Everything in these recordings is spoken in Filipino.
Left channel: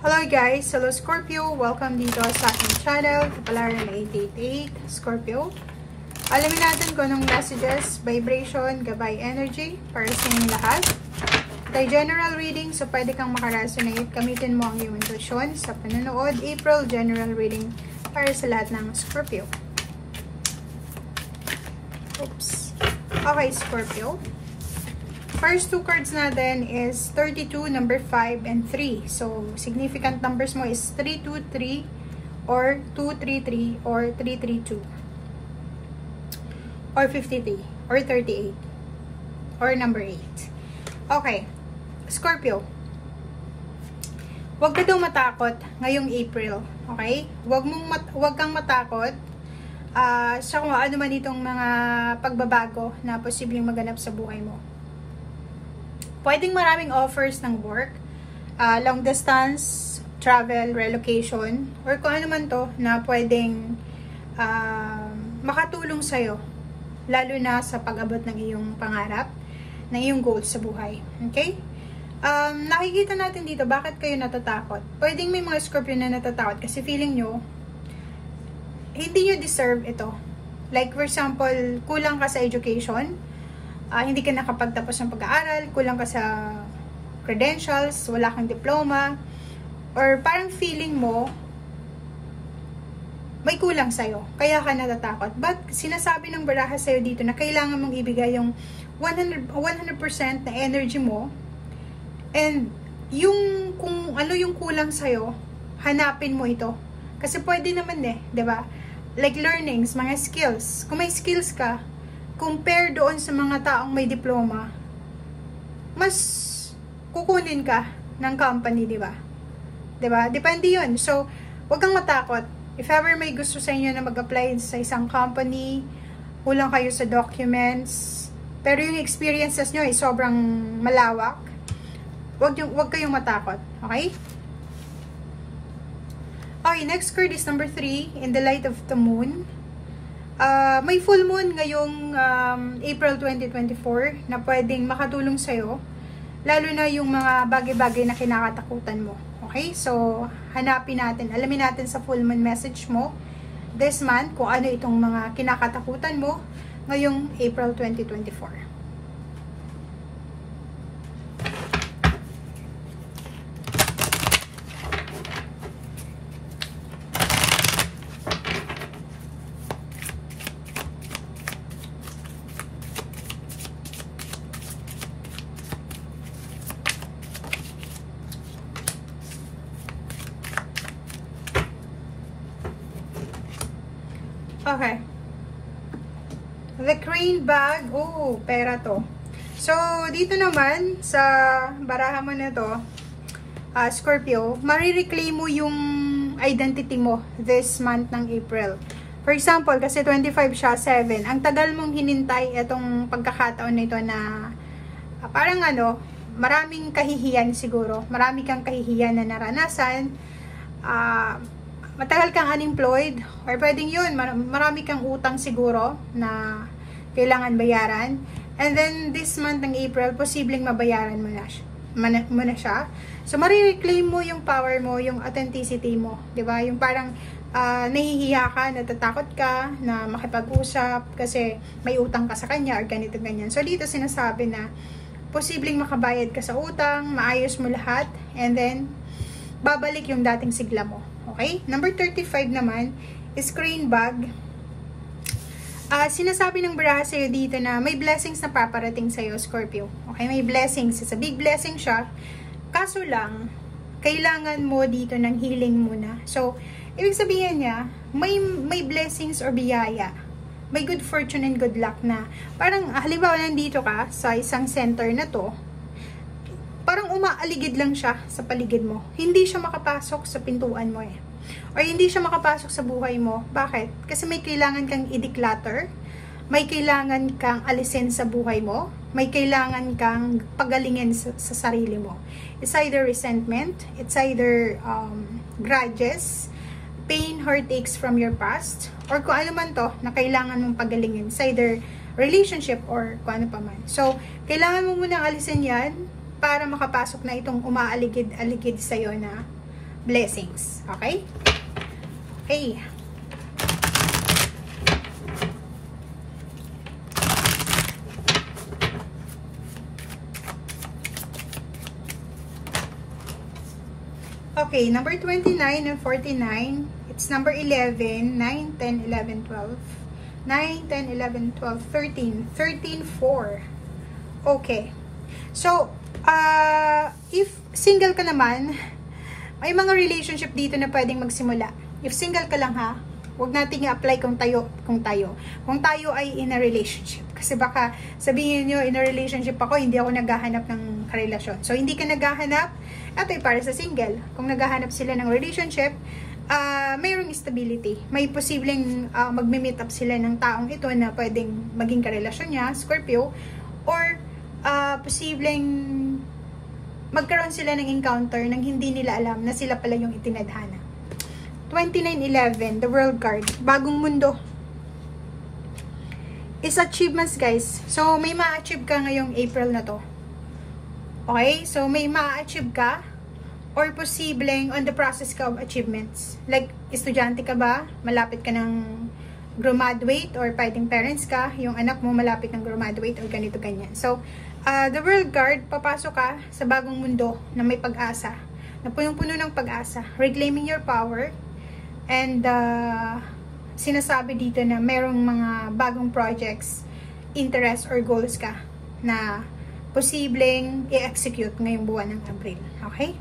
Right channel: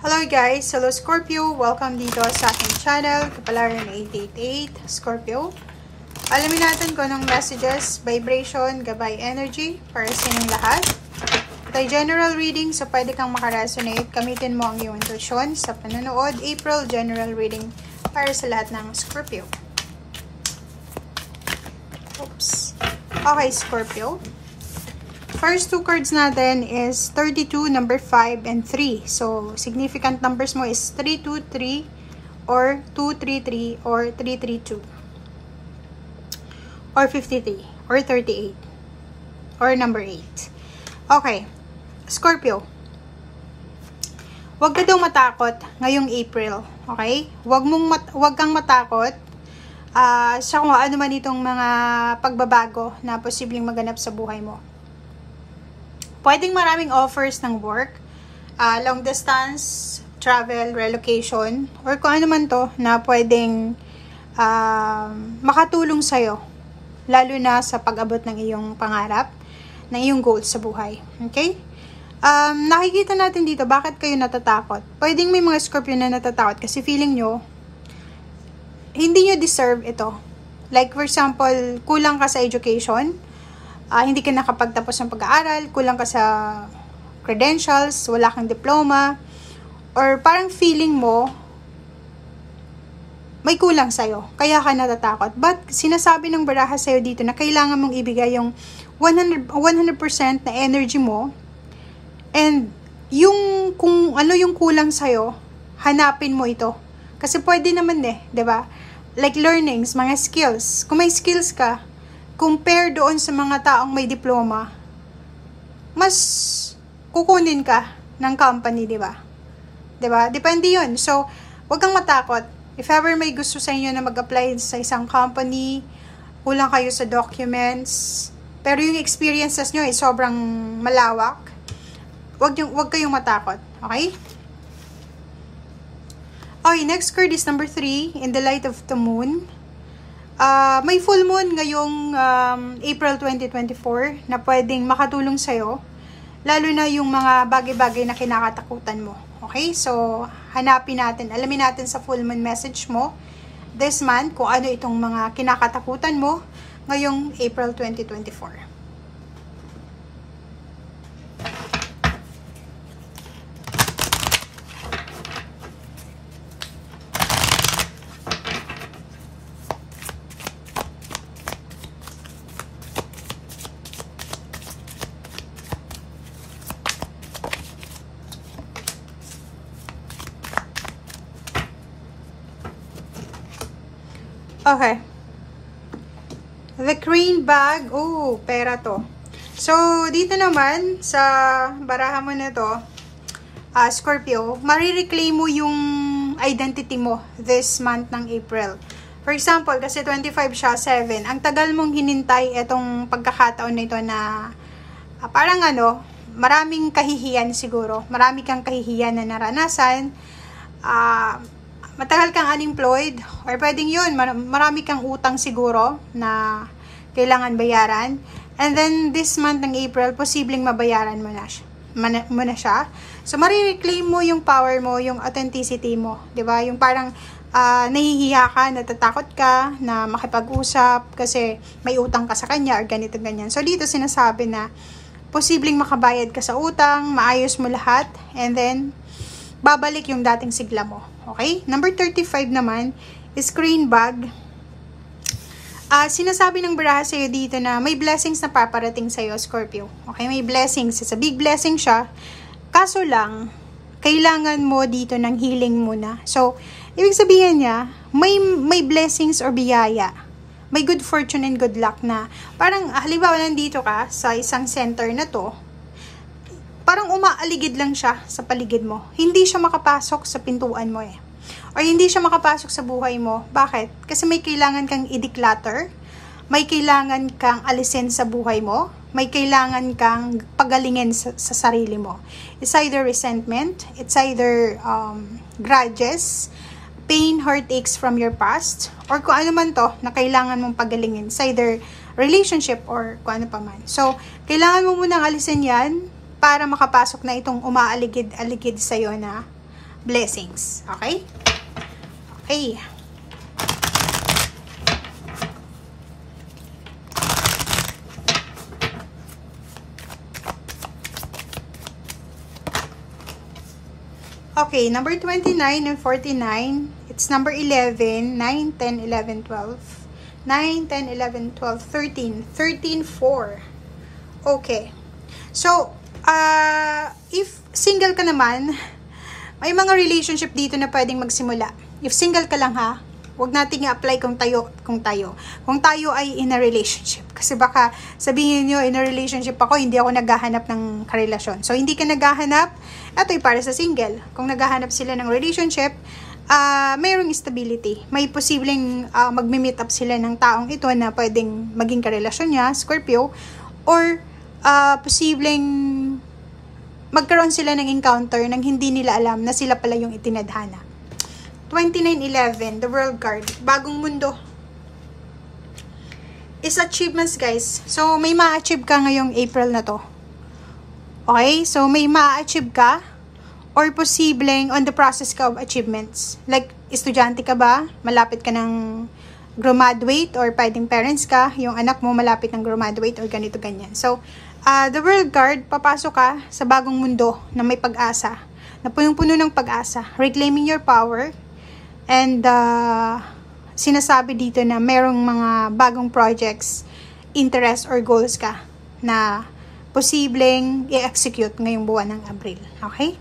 Hello guys! Hello Scorpio! Welcome dito sa aking channel, Kapalaran 888 Scorpio. Alamin natin kung anong messages, vibration, gabay energy para sa inyong lahat. Ito ay general reading, so pwede kang makaresonate. Gamitin mo ang iyong intuition sa panonood. April general reading para sa lahat ng Scorpio. Oops. Okay, Scorpio. First two cards natin is 32, number 5, and 3. So, significant numbers mo is 323 or 233 or 332 or 53 or 38 or number 8. Okay. Scorpio. Huwag ka daw matakot ngayong April. Okay? Huwag kang matakot sa kung ano man itong mga pagbabago na posibleng maganap sa buhay mo. Pwedeng maraming offers ng work, long distance, travel, relocation, or kung ano man to na pwedeng makatulong sa'yo, lalo na sa pag-abot ng iyong pangarap, ng iyong goals sa buhay. Okay? Nakikita natin dito, bakit kayo natatakot? Pwedeng may mga Scorpio na natatakot kasi feeling nyo, hindi nyo deserve ito. Like for example, kulang ka sa education, hindi ka nakapagtapos ng pag-aaral, kulang ka sa credentials, wala kang diploma, or parang feeling mo, may kulang sa'yo, kaya ka natatakot. But sinasabi ng baraha sa'yo dito na kailangan mong ibigay yung 100% na energy mo, and yung kung ano yung kulang sa'yo, hanapin mo ito. Kasi pwede naman diba? Like learnings, mga skills. Kung may skills ka, compare doon sa mga taong may diploma, mas kukunin ka ng company, diba? Diba? Depende yun. So, huwag kang matakot. If ever may gusto sa inyo na mag-apply sa isang company, kulang kayo sa documents, pero yung experiences nyo ay sobrang malawak, huwag kayong matakot. Okay? Okay, next card is number 3, in the light of the moon. May full moon ngayong April 2024 na pwedeng makatulong sa'yo, lalo na yung mga bagay-bagay na kinakatakutan mo. Okay? So, hanapin natin, alamin natin sa full moon message mo this month kung ano itong mga kinakatakutan mo ngayong April 2024. Okay. The crane bag. Oh, pera to. So, dito naman, sa baraha mo na to, Scorpio, marireclaim mo yung identity mo this month ng April. For example, kasi 25 siya, 7. Ang tagal mong hinintay itong pagkakataon na ito na parang maraming kahihiyan siguro. Marami kang kahihiyan na naranasan. Matagal kang unemployed, or pwedeng yun, marami kang utang siguro na kailangan bayaran. And then, this month ng April, posibleng mabayaran mo na siya. So, marireclaim mo yung power mo, yung authenticity mo. Diba? Yung parang nahihiya ka, natatakot ka na makipag-usap kasi may utang ka sa kanya or ganito, ganyan. So, dito sinasabi na posibleng makabayad ka sa utang, maayos mo lahat, and then, babalik yung dating sigla mo. Okay? Number 35 naman is crane bag. Sinasabi ng baraha sa'yo dito na may blessings na paparating sa'yo, Scorpio. Okay? May blessings. It's a big blessing siya. Kaso lang, kailangan mo dito ng healing muna. So, ibig sabihin niya, may blessings or biyaya. May good fortune and good luck na. Parang, halimbawa, nandito ka sa isang center na to, parang umaaligid lang siya sa paligid mo. Hindi siya makapasok sa pintuan mo Or hindi siya makapasok sa buhay mo. Bakit? Kasi may kailangan kang i-declutter, may kailangan kang alisin sa buhay mo, may kailangan kang pagalingin sa sarili mo. It's either resentment, it's either grudges, pain, heartaches from your past, or kung ano man to na kailangan mong pagalingin. It's either relationship or kung ano pa man. So, kailangan mo munang alisin yan para makapasok na itong umaaligid-aligid sa'yo na blessings. Okay? Okay. Okay, number 29 and 49. It's number 11, 9, 10, 11, 12. 9, 10, 11, 12, 13. 13, 4. Okay. So, if single ka naman, may mga relationship dito na pwedeng magsimula. If single ka lang ha, huwag nating i-apply kung tayo ay in a relationship. Kasi baka sabihin nyo, in a relationship ako, hindi ako naghahanap ng karelasyon. So, hindi ka naghahanap, ito ay para sa single. Kung naghahanap sila ng relationship, mayroong stability. May posibleng magme-meet up sila ng taong ito na pwedeng maging karelasyon niya, Scorpio, or posibleng magkaroon sila ng encounter nang hindi nila alam na sila pala yung itinadhana. 2911, the World card, bagong mundo. Is achievements, guys. So, may ma-achieve ka ngayong April na to. Okay? So, may ma-achieve ka or posibleng on the process ka of achievements. Like, estudyante ka ba? Malapit ka ng graduate or pwedeng parents ka, yung anak mo malapit ng graduate or ganito ganyan. So, the World card, papasok ka sa bagong mundo na may pag-asa, na punong-puno ng pag-asa, reclaiming your power, and sinasabi dito na merong mga bagong projects, interest or goals ka na posibleng i-execute ngayong buwan ng Abril. Okay?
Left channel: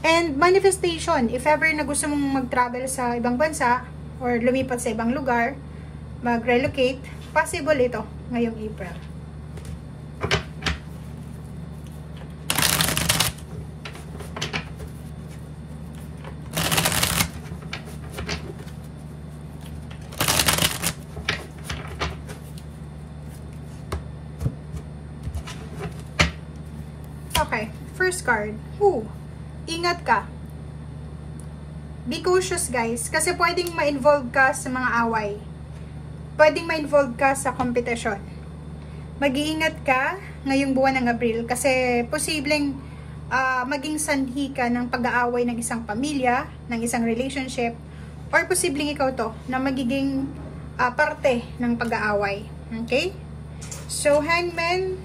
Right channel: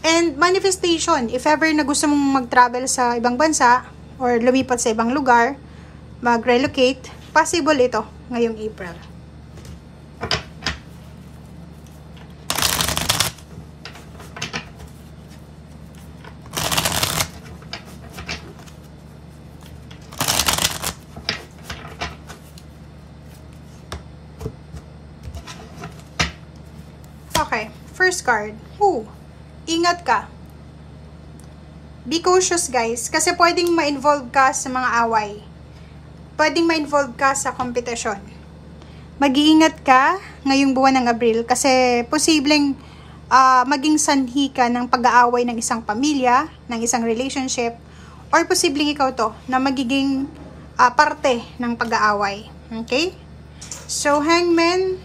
And manifestation, if ever na gusto mong mag-travel sa ibang bansa or lumipat sa ibang lugar, mag-relocate, possible ito ngayong April. Okay, first card. Ingat ka. Be cautious, guys. Kasi pwedeng ma-involve ka sa mga away. Pwedeng ma-involve ka sa kompetisyon. Mag-iingat ka ngayong buwan ng Abril kasi posibleng maging sanhi ka ng pag-aaway ng isang pamilya, ng isang relationship, or posibleng ikaw to na magiging parte ng pag-aaway. Okay? So, Hangman,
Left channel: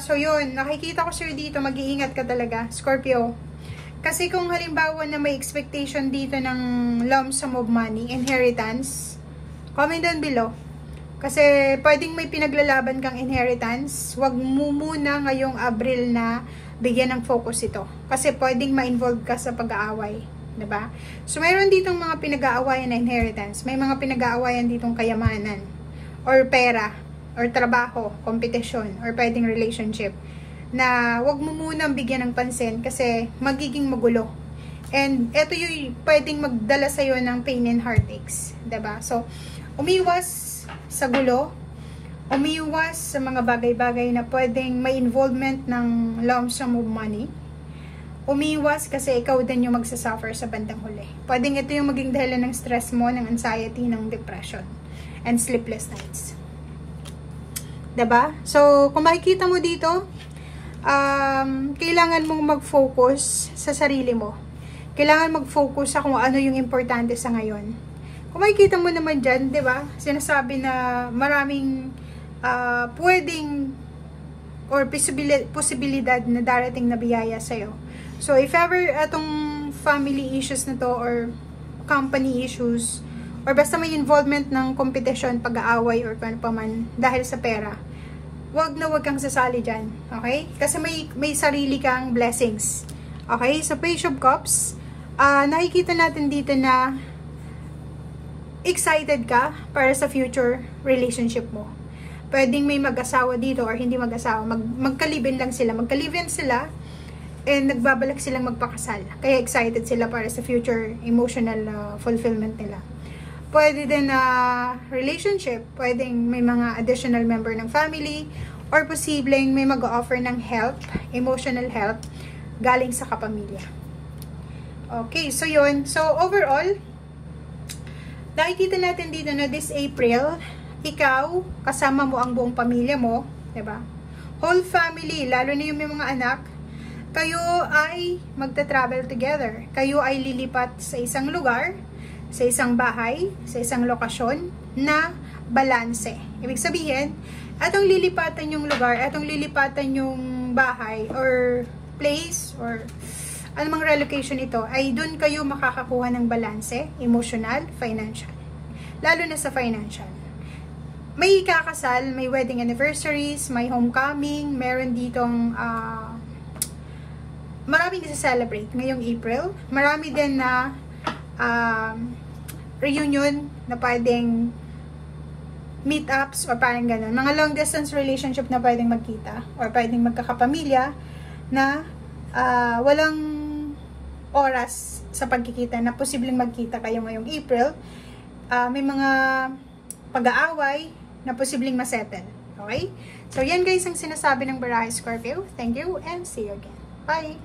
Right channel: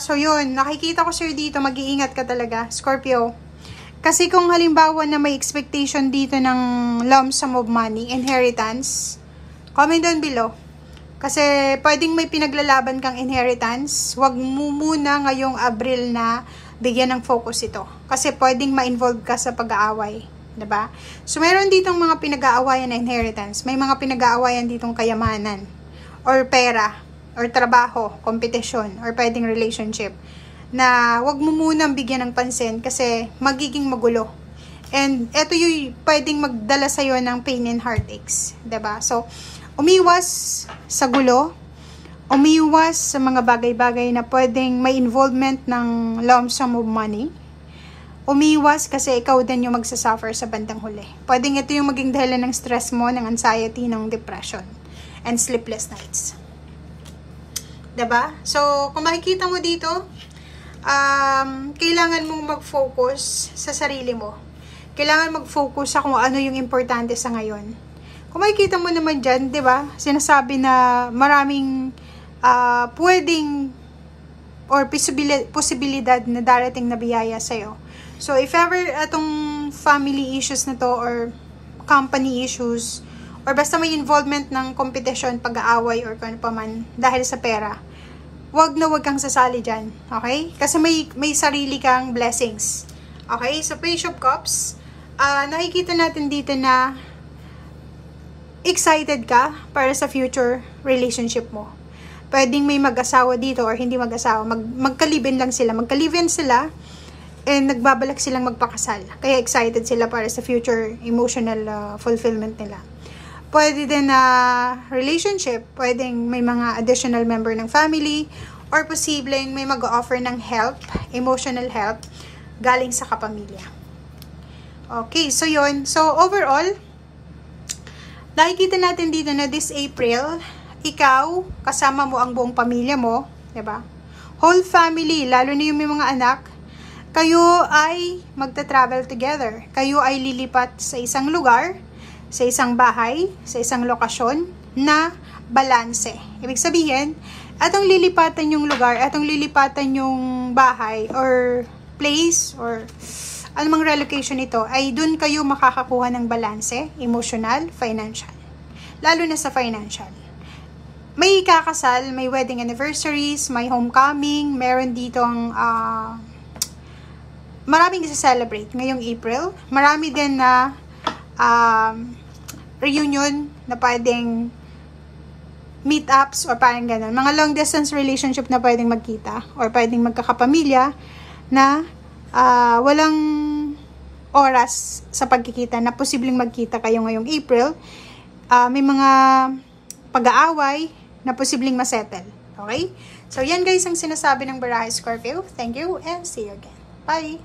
so yun, nakikita ko sa'yo dito, mag-iingat ka talaga, Scorpio. Kasi kung halimbawa na may expectation dito ng lump sum of money, inheritance, comment down below. Kasi pwedeng may pinaglalaban kang inheritance, wag mo muna ngayong Abril na bigyan ng focus ito. Kasi pwedeng ma-involve ka sa pag-aaway. Diba? So meron ditong mga pinag-aawayan na inheritance, may mga pinag-aawayan ditong kayamanan, or pera, or trabaho, kompetisyon, or pwedeng relationship, na wag mo munang bigyan ng pansin kasi magiging magulo. And eto yung pwedeng magdala sa'yo ng pain and heartaches. Diba? So, umiwas sa gulo, umiwas sa mga bagay-bagay na pwedeng may involvement ng lump sum of money. Umiwas kasi ikaw din yung magsasuffer sa bandang huli. Pwedeng ito yung maging dahilan ng stress mo, ng anxiety, ng depression, and sleepless nights. Diba? So, kung makikita mo dito, kailangan mong mag-focus sa sarili mo. Kailangan mag-focus sa kung ano yung importante sa ngayon. Kung makikita mo naman dyan, diba? Sinasabi na maraming pwedeng or posibilidad na darating na biyaya sa'yo. So, if ever itong family issues na to or company issues or basta may involvement ng competition, pag-aaway or kung ano pa man dahil sa pera, wag kang sasali dyan. Okay? Kasi may sarili kang blessings. Okay? So, Page of Cups, nakikita natin dito na excited ka para sa future relationship mo. Pwedeng may mag-asawa dito or hindi mag-asawa. Magka-live-in lang sila. Magka-live-in sila and nagbabalak silang magpakasal. Kaya excited sila para sa future emotional fulfillment nila. Pwede din na relationship, pwedeng may mga additional member ng family, or posibleng may mag-offer ng help, emotional help, galing sa kapamilya. Okay, so yun. So overall, nakikita natin dito na this April, ikaw, kasama mo ang buong pamilya mo, diba? Whole family, lalo na yung may mga anak, kayo ay magta-travel together. Kayo ay lilipat sa isang lugar, sa isang bahay, sa isang lokasyon na balanse. Ibig sabihin, atong lilipatan yung lugar, atong lilipatan yung bahay or place or anumang relocation ito, ay dun kayo makakakuha ng balanse, emotional, financial. Lalo na sa financial. May kakasal, may wedding anniversaries, may homecoming, meron ditong maraming isa-celebrate ngayong April. Marami din na reunion na pwedeng meetups or parang ganun. Mga long distance relationship na pwedeng magkita or pwedeng magkakapamilya na walang oras sa pagkikita na posibleng magkita kayo ngayong April. May mga pag-aaway na posibleng masettle. Okay? So, yan guys ang sinasabi ng Barahe Scorpio. Thank you and see you again. Bye!